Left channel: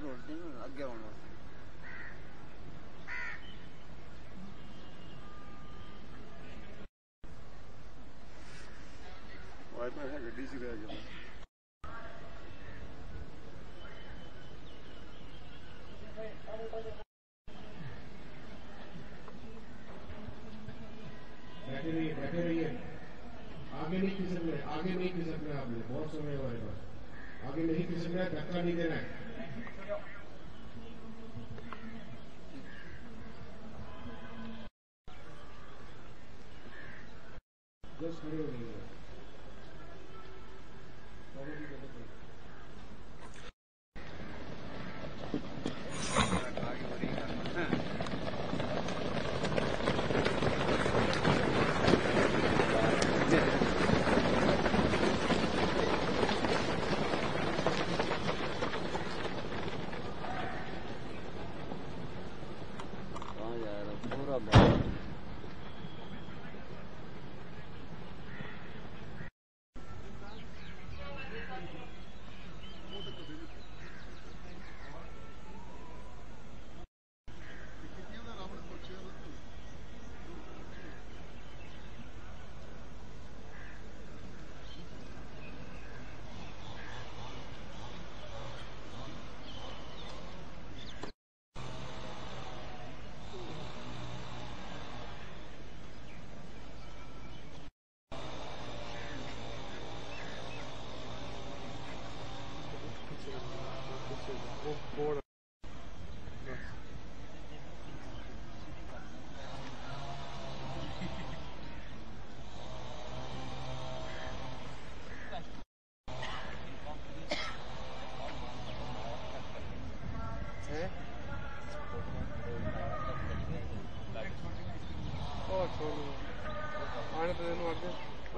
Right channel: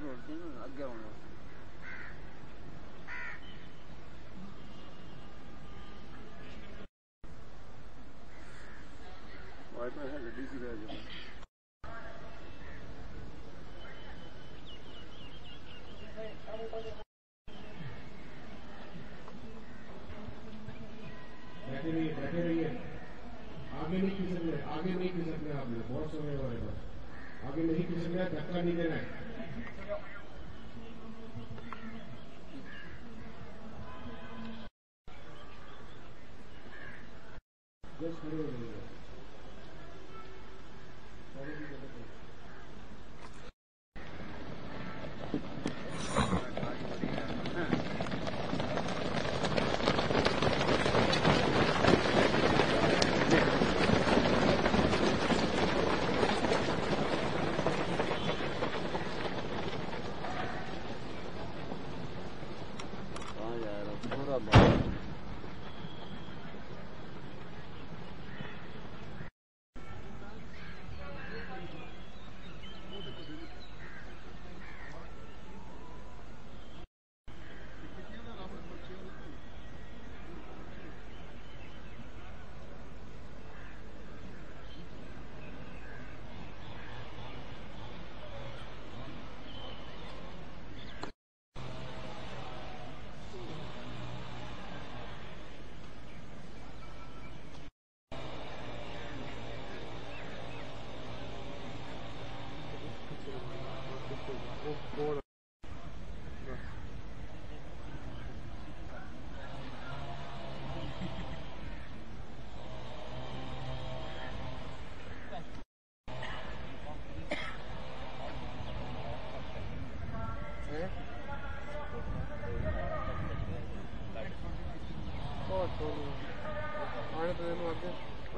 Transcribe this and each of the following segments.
अगे होना वाइपर है गड्डी सी गया जो बैठे रहिए आगे नहीं खिसकना आपने बहुत समय हमारे पास आगे नहीं खिसकना धक्का नहीं देना है बस खड़े हो जाइए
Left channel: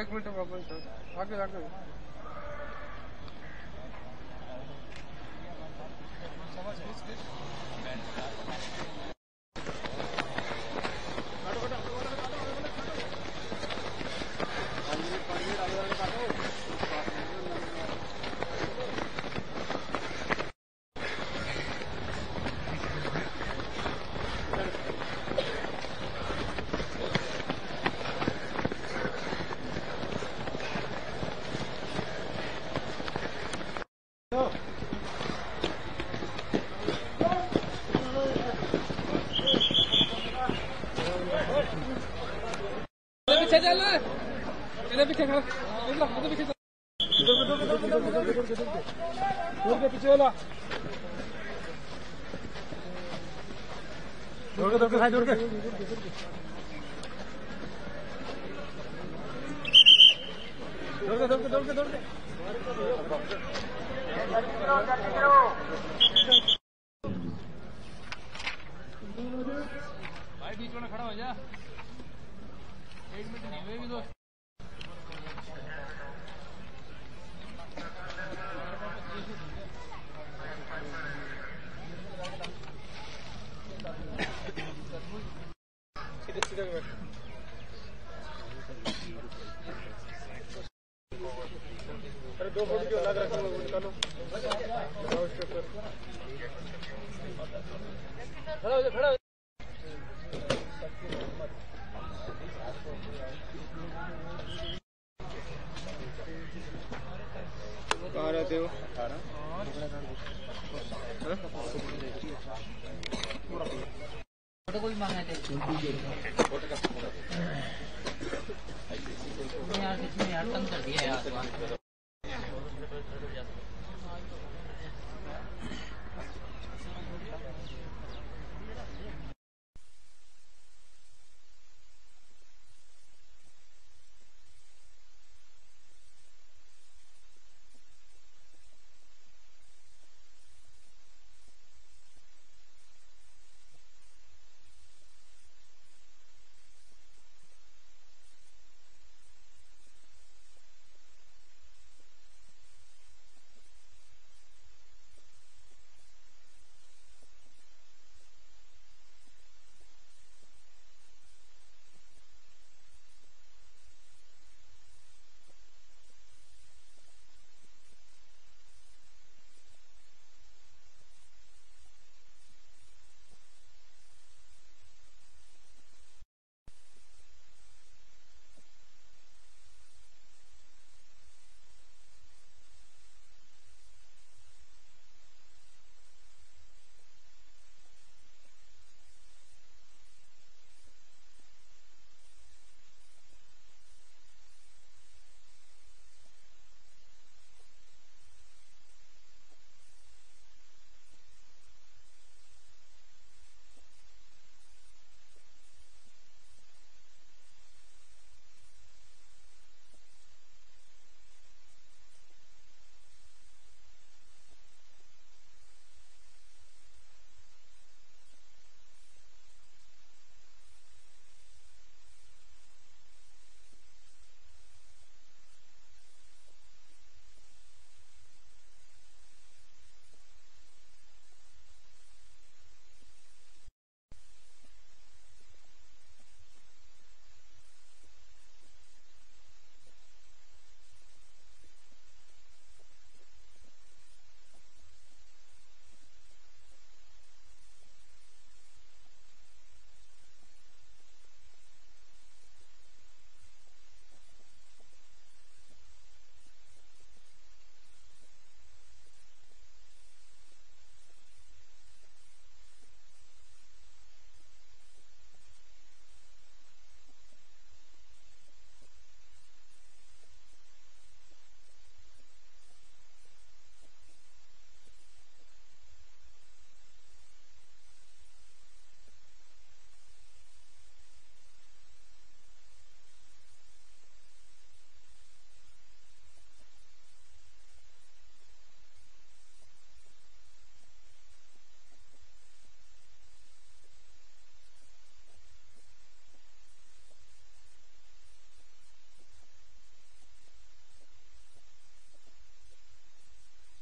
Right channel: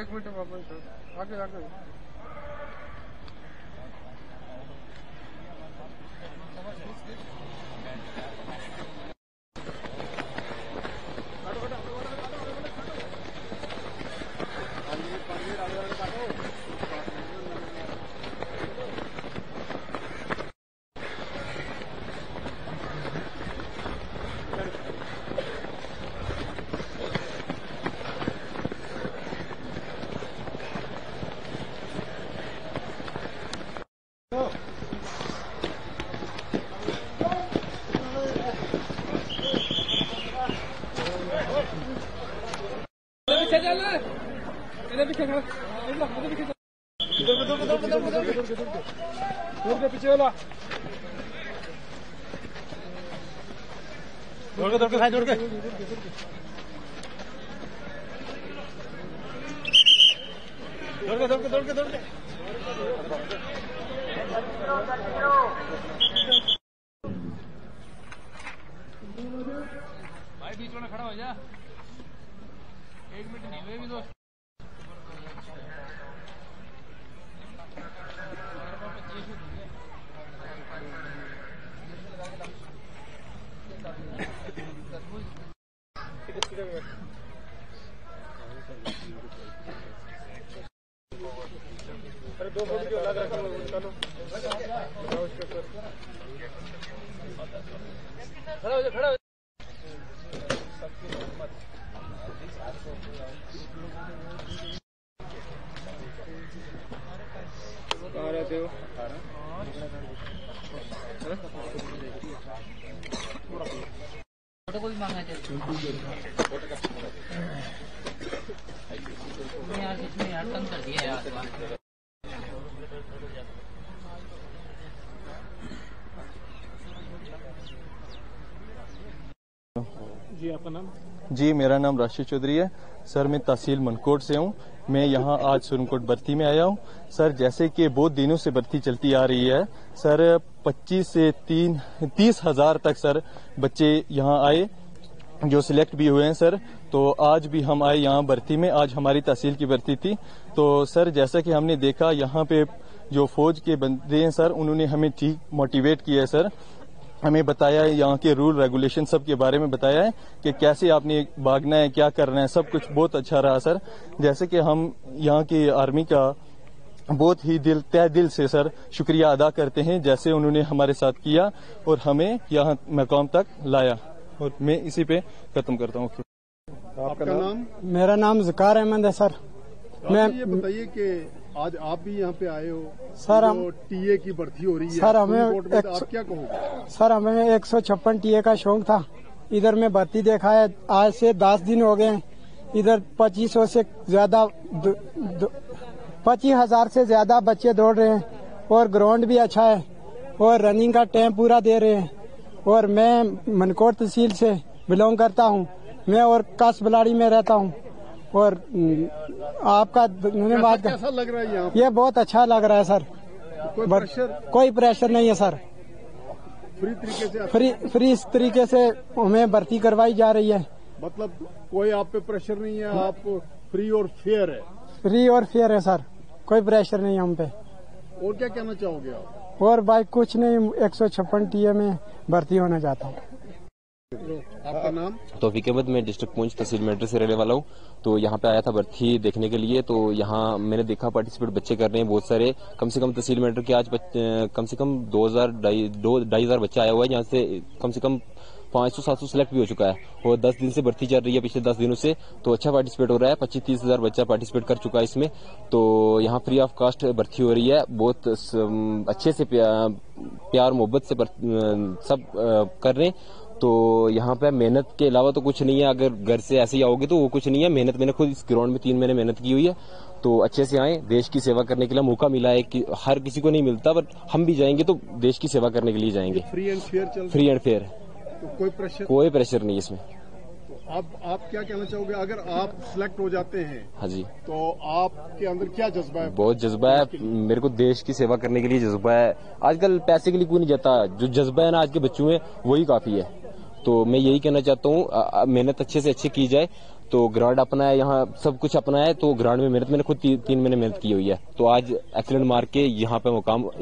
एक मिनट आगे आगे पीछे चल पीछे खड़ा पीछे पीछे वाला दौड़ के भाई दौड़ के भाई बीच में खड़ा हो जा 1 मिनट नहीं हुए भी दोस्त अरे 2 फुट की अलग रखो निकालो उसके ऊपर खड़ा हो जा खड़ा कहाँ रहते हो फोटो को भी मांगना चाहिए यार कितने यार तंग कर दिया यार जी आपका नाम? जी मेरा नाम राशिद चौधरी है सर। मैं तहसील मनकोट से हूँ। मैं यहाँ आज सुरनकोट भर्ती में आया हूँ सर। जैसे कि बहुत दिनों से भर्ती चलती आ रही है सर, 25 से 30 हजार तक सर बच्चे यहाँ आए जो सिलेक्ट भी हुए हैं सर। तो आज भी हम आए यहाँ भर्ती में, आज हमारी तहसील की भर्ती थी। तो सर जैसा कि हमने देखा यहाँ पे जो फौज के बंदे हैं सर, उन्होंने हमें ठीक मोटिवेट किया है सर। हमें बताया है यहाँ के रूल रेगुलेशन सब के बारे में बताया है कि कैसे आपने भागना है, क्या करना है, सब कुछ बहुत अच्छा रहा सर। जैसे कि हम यहाँ की आर्मी का बहुत ही तहे दिल से सर शुक्रिया अदा करते हैं, जैसे उन्होंने हमारे साथ किया और हमें यहाँ मकाम तक लाया। और मैं इसी पे खत्म करता हूँ। आपका नाम? मेरा नाम ज़कार अहमद है सर। मैं ये बताइए कि आज आप भी यहाँ पे आए हो सर, हम टीए की भर्ती हो रही है सर आप क्या कहोगे? सर हमें 156 टीए का शौक था। इधर में भर्ती देखा है, आज से 10 दिन हो गए। इधर 2500 से ज्यादा 25,000 से ज्यादा बच्चे दौड़ रहे हैं और ग्राउंड भी अच्छा है और रनिंग का टाइम पूरा दे रहे हैं। और मैं मनकोट तहसील से बिलोंग करता हूँ, मैं और कास बलाड़ी में रहता हूँ। और आपका धन्यवाद। कैसा लग रहा है यहाँ? ये बहुत अच्छा लग रहा है सर। कोई प्रेशर नहीं है सर। फ्री तरीके से हमें भर्ती करवाई जा रही है। मतलब कोई आप पे प्रेशर नहीं है, आप फ्री और फेयर है? फ्री और फेयर है सर, कोई प्रेशर नहीं है हम पे। और क्या कहना चाहोगे आप? और भाई कुछ नहीं, 156 टीए में भर्ती होना चाहता हूँ। आपका नाम? तौफीक अहमद, मैं डिस्ट्रिक्ट पुंछ तहसील मेंढर से रहने वाला हूँ। तो यहाँ पे आया था भर्ती देखने के लिए। तो यहाँ मैंने देखा पार्टिसिपेट बच्चे कर रहे हैं बहुत सारे। कम से कम तहसील मेंढर के आज कम से कम 2,000 बच्चा आया हुआ है, जहाँ से कम 500-700 सिलेक्ट भी हो चुका है। और 10 दिन से भर्ती चल रही है, पिछले 10 दिनों से। तो अच्छा पार्टिसिपेट हो रहा है, 25-30 हजार बच्चा पार्टिसिपेट कर चुका है इसमें। तो यहाँ फ्री ऑफ कास्ट भर्ती हो रही है, बहुत अच्छे से प्यार मोहब्बत से सब कर रहे हैं। तो यहाँ पे मेहनत के अलावा तो कुछ नहीं है। अगर घर से ऐसे ही आओगे तो वो कुछ नहीं है। मेहनत मैंने खुद इस ग्राउंड में 3 महीने मेहनत की हुई है। तो अच्छे से आए, देश की सेवा करने के लिए मौका मिला है कि हर किसी को नहीं मिलता, बट हम भी जाएंगे तो देश की सेवा करने के लिए जाएंगे। फ्री एंड फेयर चल फ्री एंड फेयर, तो कोई प्रेशर नहीं इसमें। अब आप क्या कहना चाहोगे अगर आप सिलेक्ट हो जाते हैं? हाँ जी, तो आपके अंदर क्या जज्बा है? बहुत जज्बा है, मेरे को देश की सेवा करने के लिए जज्बा है। आजकल पैसे के लिए कोई नहीं जाता, जो जज्बा है ना आज के बच्चों में वही काफी है। तो मैं यही कहना चाहता हूँ, मेहनत अच्छे से अच्छी की जाए। तो ग्राउंड अपना है, यहाँ सब कुछ अपना है। तो ग्राउंड में मेहनत मैंने खुद 3 महीने मेहनत की हुई है। तो आज एक्सीलेंट मार के यहाँ पे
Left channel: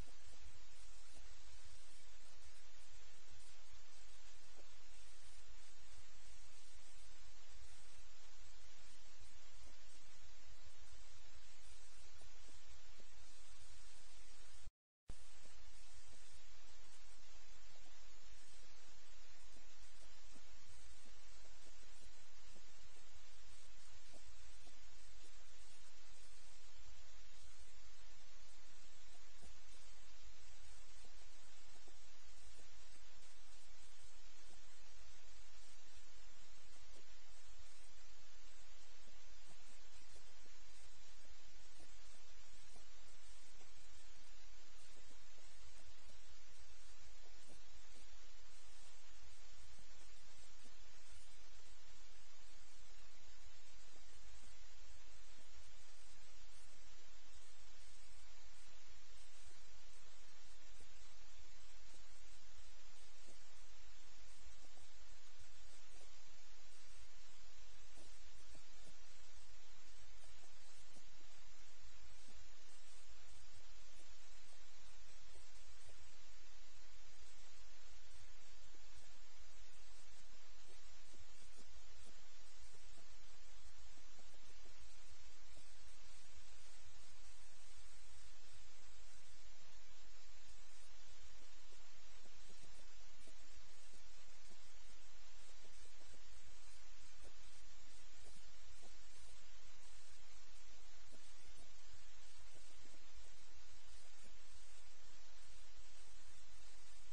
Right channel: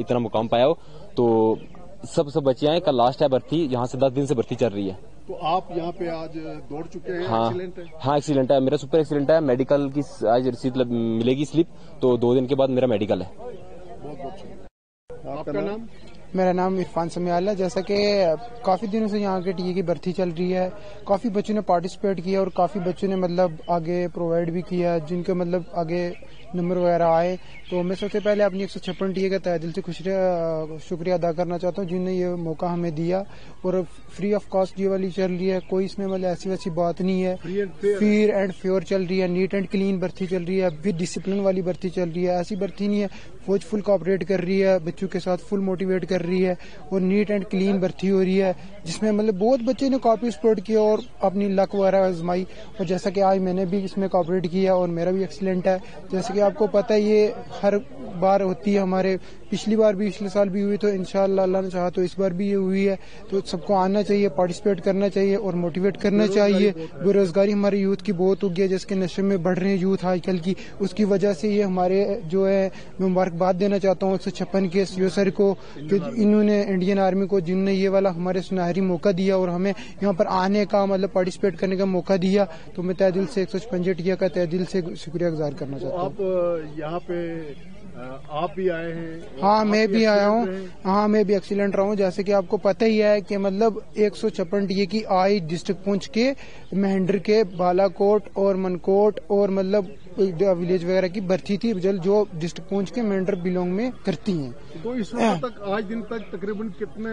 इतना मुकाम पाया हो। तो सब बच्चे आए, कल लास्ट है भर्ती, यहाँ से 10 दिन से भर्ती चल रही है। तो आप यहाँ पे आज दौड़ चुके हैं? हाँ, एक्सीलेंट है, मेरा सुपर एक्सीलेंट है। मेडिकल की आज रसीद मिलेगी, स्लिप। तो 2 दिन के बाद मेरा मेडिकल है। बहुत बहुत शुक्रिया। आपका नाम? मेरा नाम इरफान समियाल है। जैसा कि काफ़ी दिनों से यहाँ के टीए की भर्ती चल रही है, काफ़ी बच्चों ने पार्टिसिपेट किया और काफ़ी बच्चों ने मतलब आगे प्रोवाइड भी किया, जिनके मतलब आगे नंबर वगैरह आए। तो मैं सबसे पहले अपनी 156 टीए का तहे दिल से शुक्रिया अदा करना चाहता हूँ, जिन्होंने ये मौका हमें दिया। और फ्री ऑफ कॉस्ट ये वाली चल रही है, कोई इसमें मतलब ऐसी वैसी बात नहीं है। फ्री एंड फेयर चल रही है, नीट एंड क्लीन भर्ती चल रही है, विद डिसिप्लिन वाली भर्ती चल रही है। ऐसी भर्ती नहीं है, फौज फुल कोऑपरेट कर रही है, बच्चों के साथ फुल मोटिवेट कर रही है और नीट एंड क्लीन भर्ती हो रही है, जिसमें मतलब बहुत बच्चे ने पार्टिसिपेट किया और अपनी लक वगैरह आजमाई। और जैसा कि आज मैंने भी इसमें कोऑपरेट किया और मेरा भी एक्सीलेंट है। जैसे कि आपको पता है ये हर बार होती है, हमारे पिछली बार भी पिछले साल भी हुई, तो इंशाअल्लाह अल्लाह ने चाहा तो इस बार भी ये हुई है। तो सबको आना चाहिए, पार्टिसिपेट करना चाहिए और मोटिवेट करना चाहिए। बेरोजगारी हमारे यूथ की बहुत हो गई है, जिसके नशे में बढ़ रहे हैं यूथ आजकल की, उसकी वजह से ये हमारे जो है, मैं मुबारकबाद देना चाहता हूँ 156 के सीओ सर को, कि इन्होंने इंडियन आर्मी को, जिन्होंने ये वाला हमारे सुनहरी मौका दिया और हमें यहाँ पर आने का मतलब पार्टिसिपेट करने का मौका दिया। तो मैं तहे दिल से 156 टीए का तहे दिल से शुक्रिया गुजार करना चाहता हूँ। आप यहाँ पे आप भी आए हैं? हाँ, मैं भी आया हूँ। हाँ, मैं भी एक्सीलेंट रहा हूँ। जैसे कि आपको पता ही है कि मतलब 156 टीए की आई डिस्ट्रिक्ट पुंछ के, मेंढर के, बालाकोट और मनकोट और मतलब विलेज वगैरह की भर्ती थी, जो डिस्ट्रिक्ट पुंछ के मेंढर बिलोंग में करती हैं। तो इस वक्त तक आज दिन तक तकरीबन कितने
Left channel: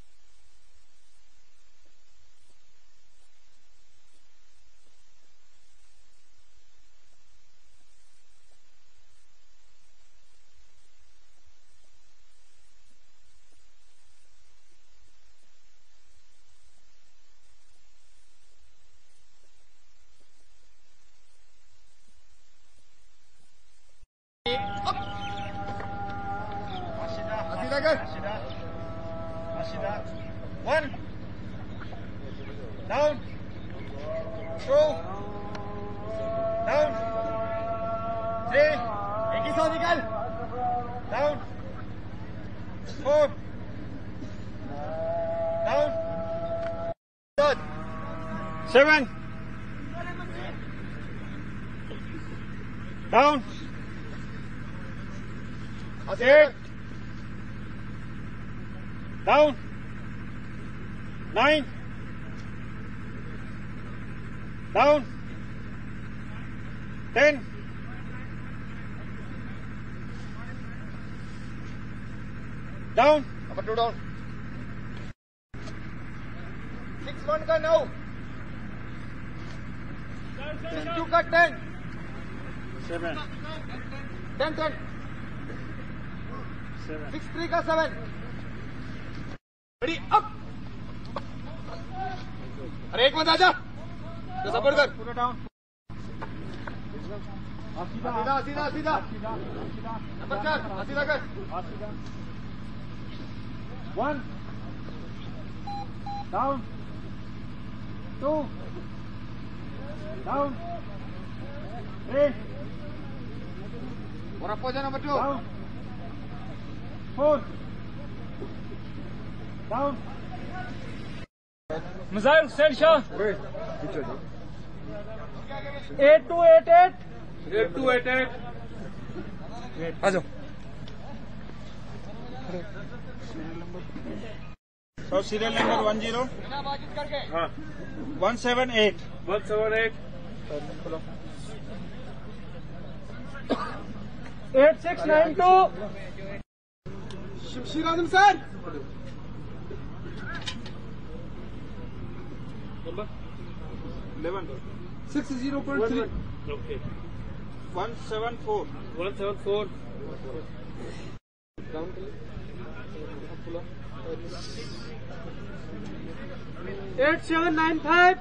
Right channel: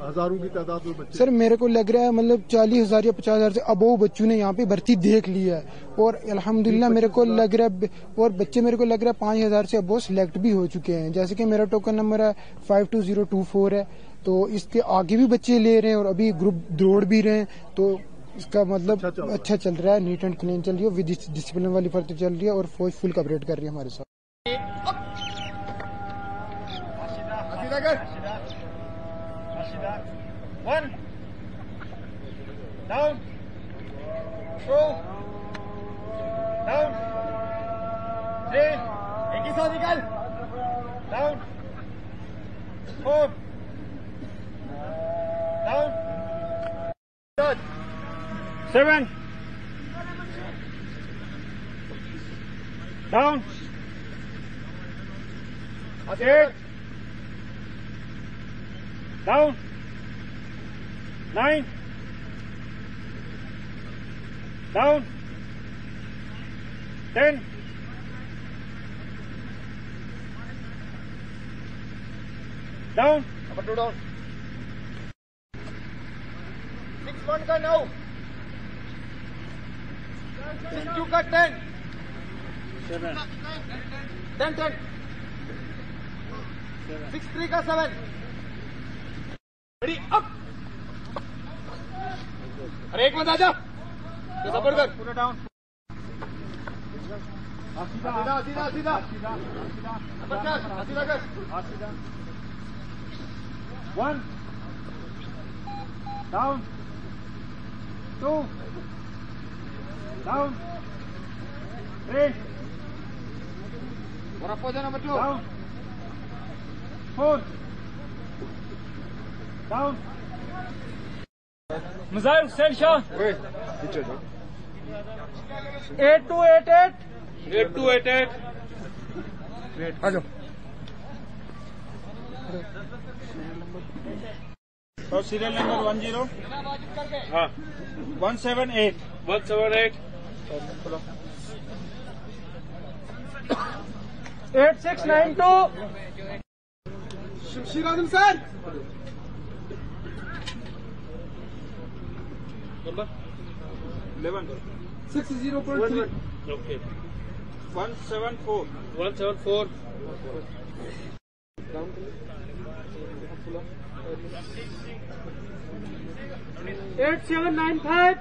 हजारों की तादाद में बच्चे? सर मेरे को लग रहा है मतलब 40,000 या 50,000 से अबोव बच्चों ने यहाँ पे भर्ती देख ली है। और अल्हम्दुलिल्लाह मेरे को लग रहा है, और बच्चे मेरे को लग रहा है 5,000 से अबोव सिलेक्ट भी हो चुके हैं। जैसे कि मेरा टोकन नंबर है 52024 है। तो इसके आगे भी बच्चे ले रहे हैं और अभी ग्रुप दौड़ भी रहे हैं। तो इसका मतलब अच्छा चल रहा है, नीट एंड क्लीन चल रही है, विद डिसिप्लिन वाली भर्ती चल रही है और फौज फुल कवरेट कर रही है हमारे साथ। One down, two down, three, एक ही साथ निकल, down, four down, 7 down, 8 down 9 down 10 down number 2 down 6-1 का 9 6-2 का 10 7 10 6-3 का 7 ready up अरे एक मत आजा तो सपोर्ट कर पूरा डाउन सीधा नंबर 4 सीधा कर 1 down 2 down 3 और अप हो जा number 2 down 4 down Misail Hussain Shah 8288 8288 आ जाओ So serial number 10 हाँ 178 8692 शमशीर आजम सर number 11 6-0.3 okay 174 8795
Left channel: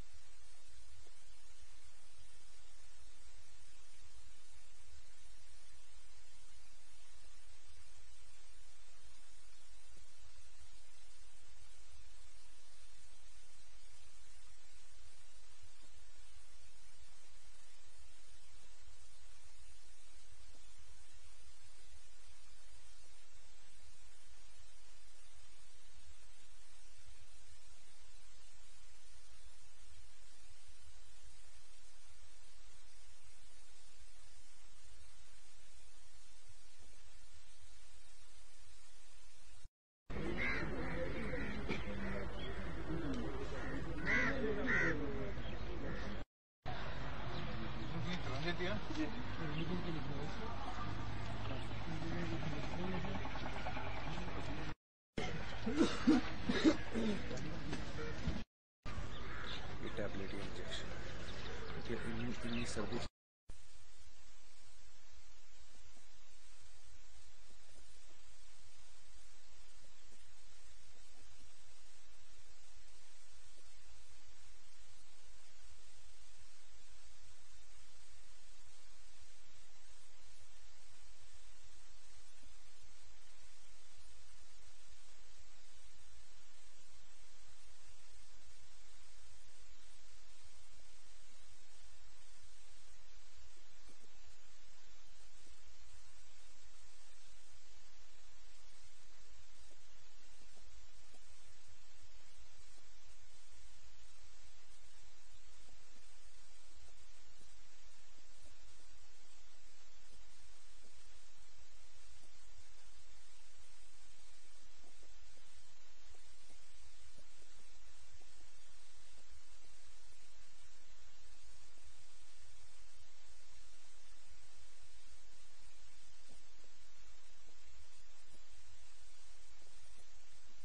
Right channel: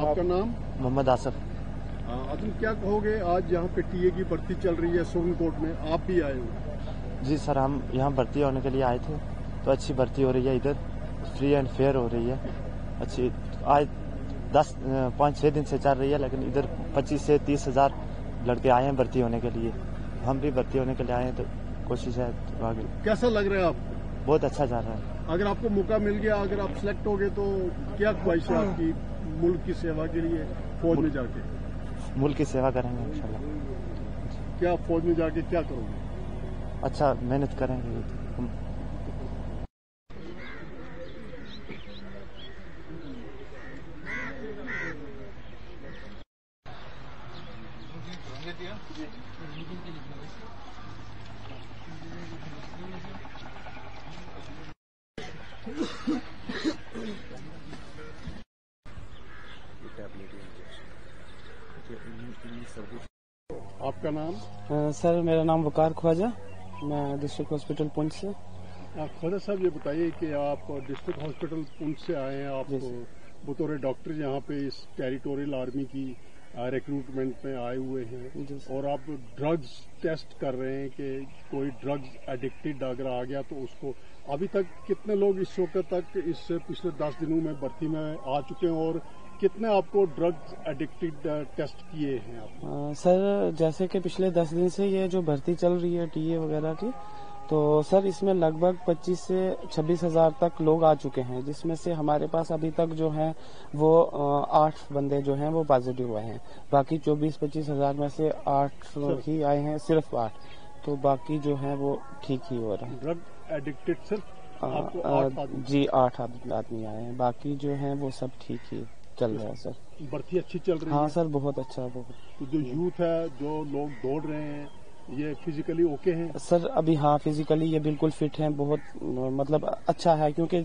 आपका नाम मोहम्मद आसफ। तुम क्या कहोगे आज यहाँ पे टीए की भर्ती चल रही है सुप्रीम कोर्ट में आप भी आए हो? जी सर, हम यहाँ भर्ती होने के लिए आए थे, तो अच्छी भर्ती हो रही है, इधर फ्री एंड फेयर हो रही है अच्छी। आज 5-6 दिन से चल रही है, लेकिन इधर 25 से 30 हजार लड़के आए हैं भर्ती होने के लिए। हम भी भर्ती होने के लिए आए हैं, तो कोशिश है आगे। कैसा लग रहा है आप? बहुत अच्छा जा रहा है। अगर आपको मौका मिल गया, अगर आप सिलेक्ट हो गए, तो क्या ख्वाहिश है आपकी मुल्क की सेवा के लिए फौज में जाके? मुल्क की सेवा करेंगे इंशाल्लाह। क्या फौज में जाके क्या करोगे? अच्छा मेहनत करेंगे हम। आपका नाम? सर मेरा नाम वकार ख्वाजा, मैं डिस्ट्रिक्ट हॉस्पिटल पुंछ से। ख्वाजा साहब ये बताइए कि आप डिस्ट्रिक्ट हॉस्पिटल पुंछ से आए हैं, आप बतौर डॉक्टर यहाँ पे इस टेरिटोरियल आर्मी की रिक्रूटमेंट में आए हुए हैं, और आप ड्रग्स टेस्ट कर रहे हैं कि कोई ड्रग्स एडिक्टेड अगर आ गया तो उसको। अभी तक कितने लोग इस वक्त तक इस पिछले 10 दिनों में भर्ती में आ चुके हैं, और कितने आपको ड्रग्स एडिक्टेड टेस्ट किए हैं आप? सर जैसे कि पिछले 10 दिन से ये जो भर्ती चल रही है टीए वगैरह की, तो सर इसमें लगभग 25 से 26 हजार तक लोग आ चुके हैं, जिसमें से हमारे पास अभी तक जो है वो 8 बंदे जो हैं वो पॉजिटिव हुए हैं। बाकी 24-25 हजार में से 8 ही आए हैं, सिर्फ 8, तो बाकी जो है वो ठीक ही हो रहा है। ड्रग एडिक्टेड सिर्फ आपको 8 जी 8 आदमी आए हैं, बाकी जो है वो सब ठीक ही चल रहा है सर। भर्ती अच्छी चल रही हाँ है? सर बहुत अच्छा बहुत। तो जो यूथ है, जो लोग दौड़ रहे हैं, ये फिजिकली ओके हैं? सर अभी हाँ फिजिकली ये बिल्कुल फिट हैं, बहुत मतलब अच्छा है, क्योंकि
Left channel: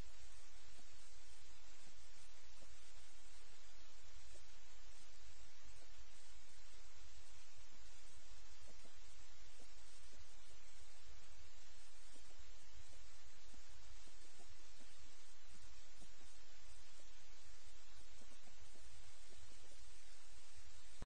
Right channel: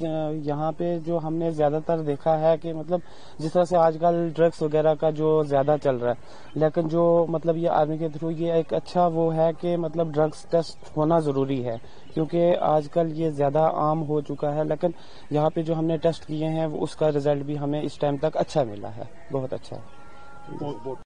यहाँ पे जो हमने ज्यादातर देखा है कि मतलब जिस तरह से आजकल ड्रग्स वगैरह का जो ज्यादा चल रहा है, लेकिन जो मतलब ये आर्मी के थ्रू ये एक अच्छा वो है कि मतलब ड्रग्स टेस्ट होना जरूरी है, क्योंकि आजकल ये ज्यादा आम हो चुका है। लेकिन यहाँ पे जो हमने टेस्ट किए हैं उसका रिजल्ट भी हमें इस टाइम तक अच्छा मिला है, बहुत अच्छा है। बहुत बहुत